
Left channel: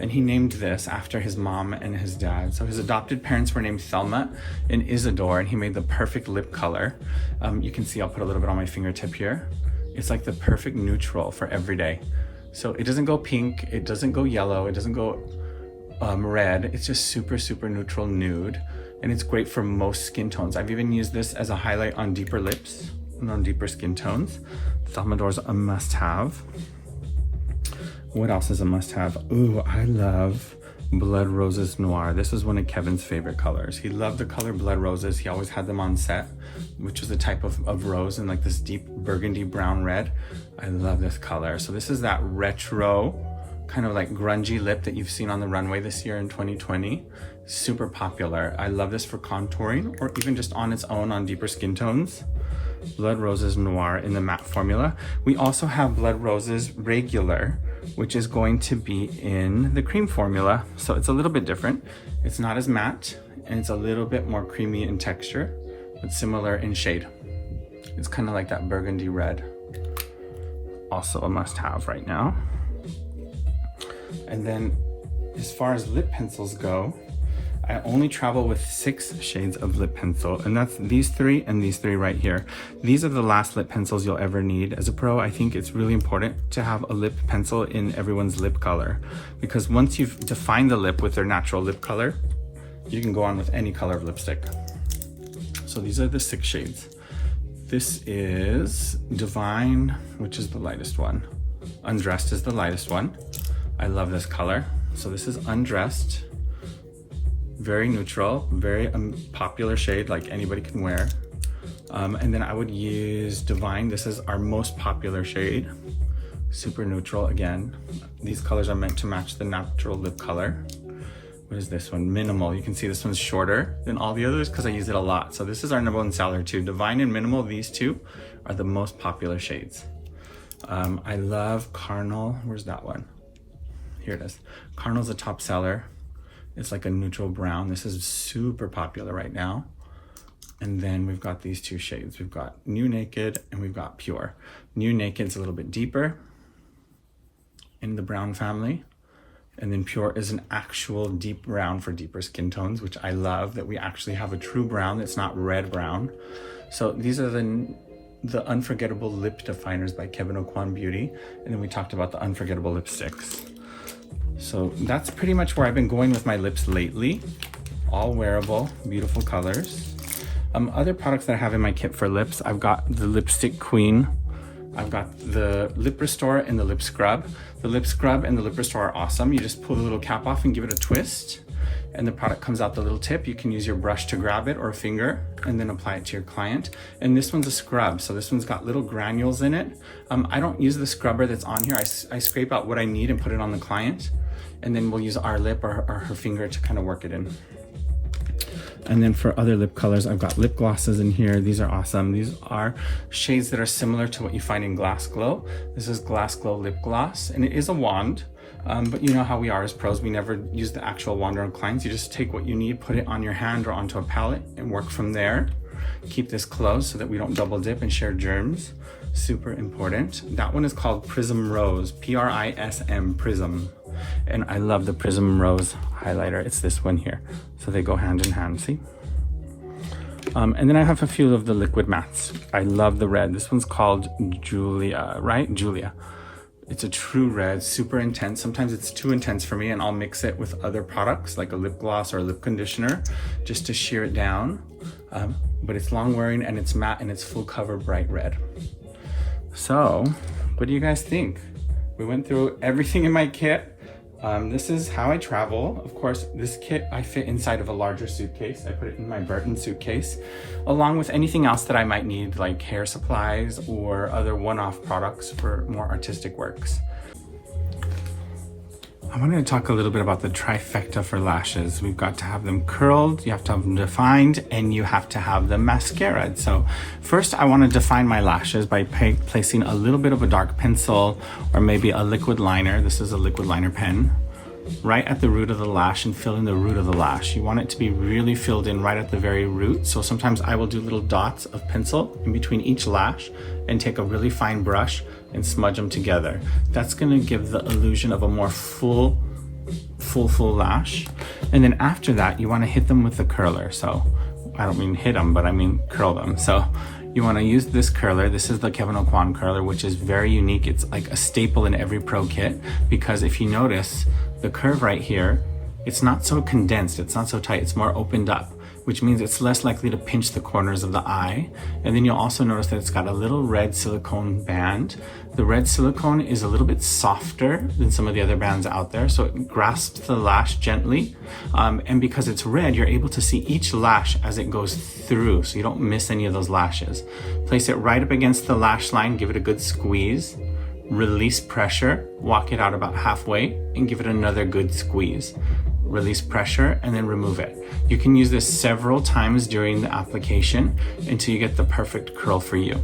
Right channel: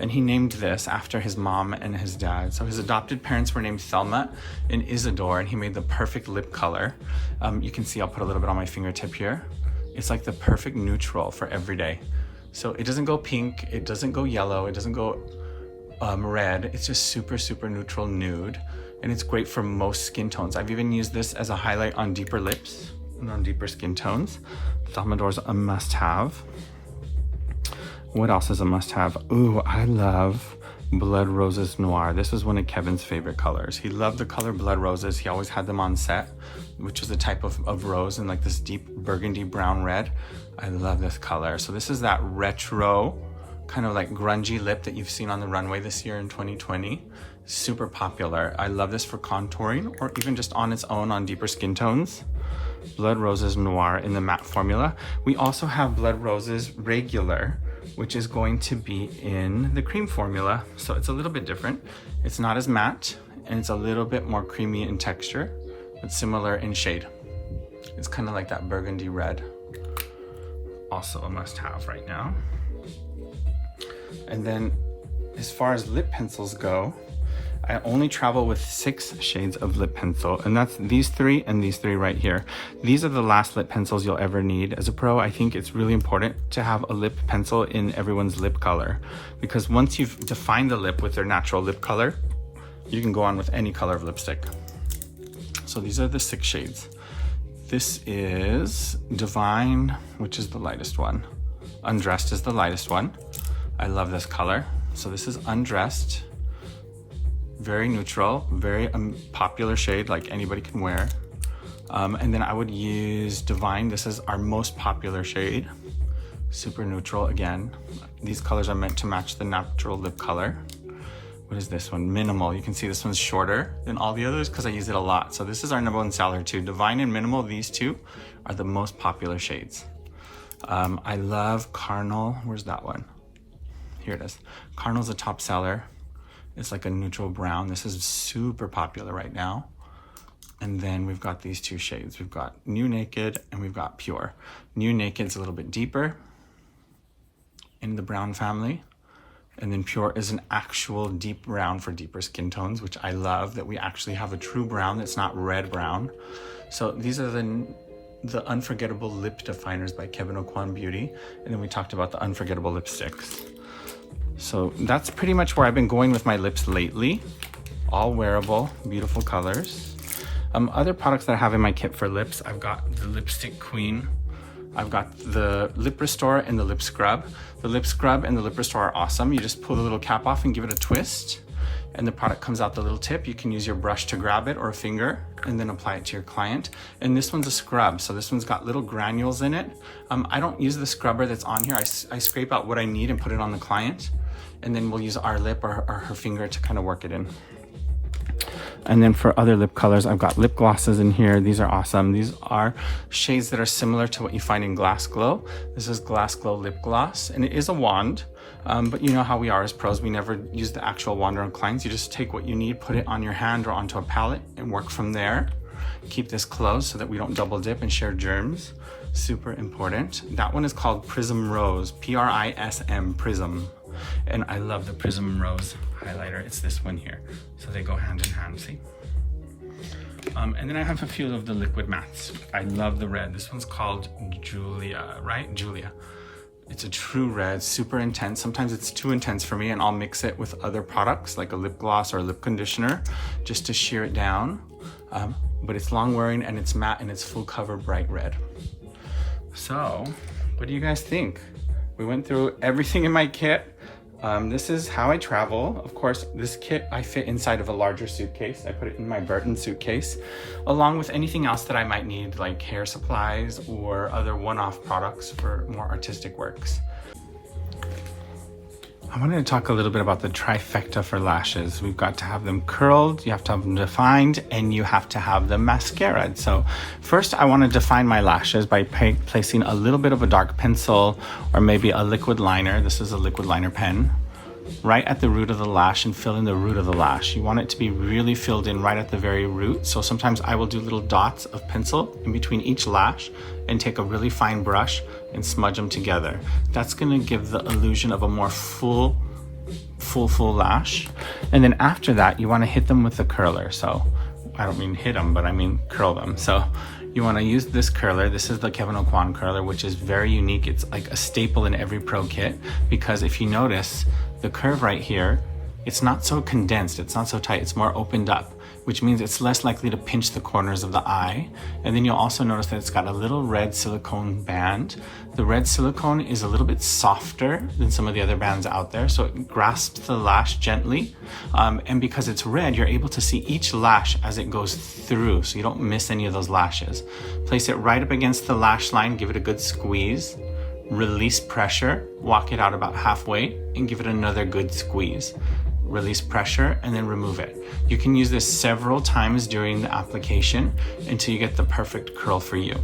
And he named this after his mom and his dad. So his adopted parents were named Thelma and Isidore, and he made the perfect lip color. You can see I'll put a little bit on my fingertip here. It's like the perfect neutral for every day. So it doesn't go pink, it doesn't go yellow, it doesn't go red. It's just super, super neutral nude. And it's great for most skin tones. I've even used this as a highlight on deeper lips and on deeper skin tones. Thermador's a must-have. What else is a must-have? Ooh, I love Blood Roses Noir. This is one of Kevin's favorite colors. He loved the color Blood Roses. He always had them on set, which is a type of rose in like this deep burgundy brown red. I love this color. So this is that retro, kind of like grungy lip that you've seen on the runway this year in 2020. Super popular. I love this for contouring or even just on its own on deeper skin tones. Blood Roses Noir in the matte formula. We also have Blood Roses Regular, which is going to be in the cream formula. So it's a little bit different. It's not as matte and it's a little bit more creamy in texture, but similar in shade. It's kind of like that burgundy red. Also a must-have right now. And then as far as lip pencils go, I only travel with 6 shades of lip pencil, and that's these 3 and these 3 right here. These are the last lip pencils you'll ever need. As a pro, I think it's really important to have a lip pencil in everyone's lip color, because once you've defined the lip with their natural lip color, you can go on with any color of lipstick. So these are the 6 shades. This is Divine, which is the lightest one. Undressed is the lightest one. I love this color. So this is Undressed. Very neutral, very popular shade, like anybody can wear. And then I would use Divine. This is our most popular shade. Super neutral again. These colors are meant to match the natural lip color. What is this one? Minimal. You can see this one's shorter than all the others because I use it a lot. So this is our #1 seller too. Divine and Minimal, these 2 are the most popular shades. I love Carnal. Where's that one? Here it is. Carnal's a top seller. It's like a neutral brown. This is super popular right now. And then we've got these 2 shades. We've got New Naked and we've got Pure. New Naked's a little bit deeper in the brown family. And then Pure is an actual deep brown for deeper skin tones, which I love that we actually have a true brown that's not red brown. So these are the Unforgettable Lip Definers by Kevyn Aucoin Beauty. And then we talked about the Unforgettable Lipsticks. So that's pretty much where I've been going with my lips lately. All wearable, beautiful colors. Other products that I have in my kit for lips, I've got the Lipstick Queen. I've got the Lip Restore and the Lip Scrub. The Lip Scrub and the Lip Restore are awesome. You just pull the little cap off and give it a twist, and the product comes out the little tip. You can use your brush to grab it or a finger and then apply it to your client. And this one's a scrub, so this one's got little granules in it. I don't use the scrubber that's on here. I scrape out what I need and put it on the client, and then we'll use our lip or her finger to kind of work it in. And then for other lip colors, I've got lip glosses in here. These are awesome. These are shades that are similar to what you find in Glass Glow. This is Glass Glow Lip Gloss, and it is a wand. But you know how we are as pros, we never use the actual wand on clients. You just take what you need, put it on your hand or onto a palette and work from there. Keep this closed so that we don't double dip and share germs. Super important. That one is called Prism Rose, P-R-I-S-M, Prism. And I love the Prism Rose highlighter. It's this one here. So they go hand in hand, see? And then I have a few of the liquid mattes. I love the red. This one's called Julia, right? Julia. It's a true red, super intense. Sometimes it's too intense for me, and I'll mix it with other products like a lip gloss or a lip conditioner just to sheer it down. But it's long wearing and it's matte and it's full cover bright red. So, what do you guys think? We went through everything in my kit. This is how I travel. Of course, this kit I fit inside of a larger suitcase. I put it in my Burton suitcase, along with anything else that I might need, like hair supplies or other one-off products for more artistic works. I wanted to talk a little bit about the trifecta for lashes. We've got to have them curled, you have to have them defined, and you have to have them mascaraed. So first I want to define my lashes by placing a little bit of a dark pencil or maybe a liquid liner. This is a liquid liner pen. Right at the root of the lash and fill in the root of the lash. You want it to be really filled in right at the very root. So sometimes I will do little dots of pencil in between each lash and take a really fine brush and smudge them together. That's gonna give the illusion of a more full lash. And then after that, you wanna hit them with the curler. So I don't mean hit them, but I mean curl them. So you wanna use this curler. This is the Kevyn Aucoin curler, which is very unique. It's like a staple in every pro kit, because if you notice, the curve right here, it's not so condensed, it's not so tight, it's more opened up. which means it's less likely to pinch the corners of the eye. And then you'll also notice that it's got a little red silicone band. The red silicone is a little bit softer than some of the other bands out there, so it grasps the lash gently. And because it's red, you're able to see each lash as it goes through, so you don't miss any of those lashes. Place it right up against the lash line, give it a good squeeze, release pressure, walk it out about halfway, and give it another good squeeze. Release pressure, and then remove it. You can use this several times during the application until you get the perfect curl for you.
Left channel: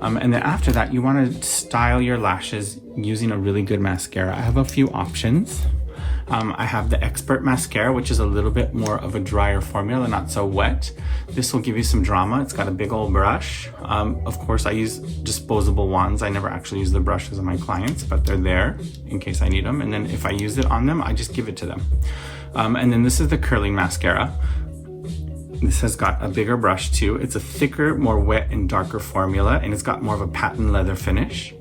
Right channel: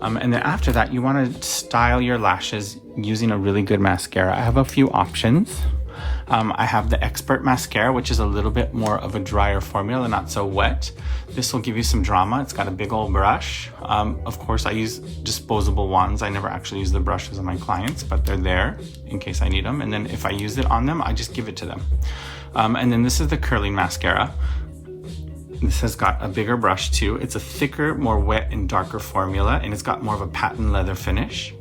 And then after that, you want to style your lashes using a really good mascara. I have a few options. I have the Expert mascara, which is a little bit more of a drier formula, not so wet. This will give you some drama. It's got a big old brush. Of course, I use disposable ones. I never actually use the brushes on my clients, but they're there in case I need them. And then if I use it on them, I just give it to them. And then this is the curling mascara. This has got a bigger brush too. It's a thicker, more wet and darker formula, and it's got more of a patent leather finish.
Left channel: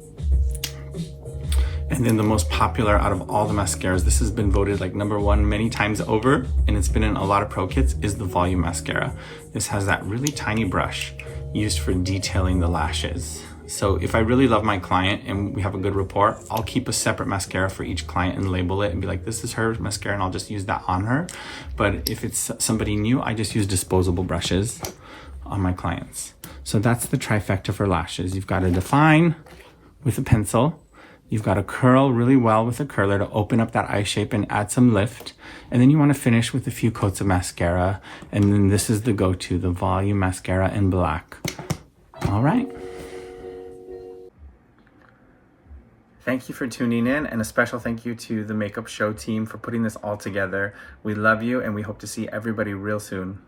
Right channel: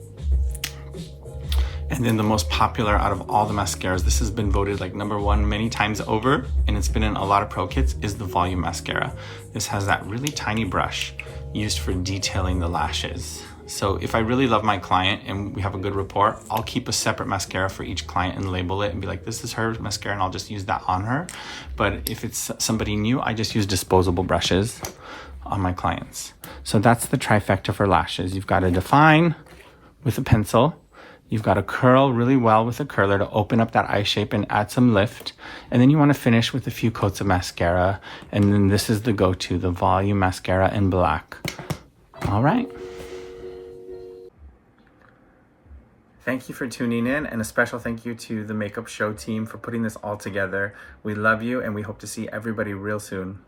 And then the most popular out of all the mascaras, this has been voted like #1 many times over, and it's been in a lot of pro kits, is the Volume Mascara. This has that really tiny brush used for detailing the lashes. So if I really love my client and we have a good rapport, I'll keep a separate mascara for each client and label it and be like, this is her mascara, and I'll just use that on her. But if it's somebody new, I just use disposable brushes on my clients. So that's the trifecta for lashes. You've got to define with a pencil. You've got to curl really well with a curler to open up that eye shape and add some lift. And then you want to finish with a few coats of mascara. And then this is the go-to, the Volume Mascara in black. All right. Thank you for tuning in, and a special thank you to the Makeup Show team for putting this all together. We love you, and we hope to see everybody real soon.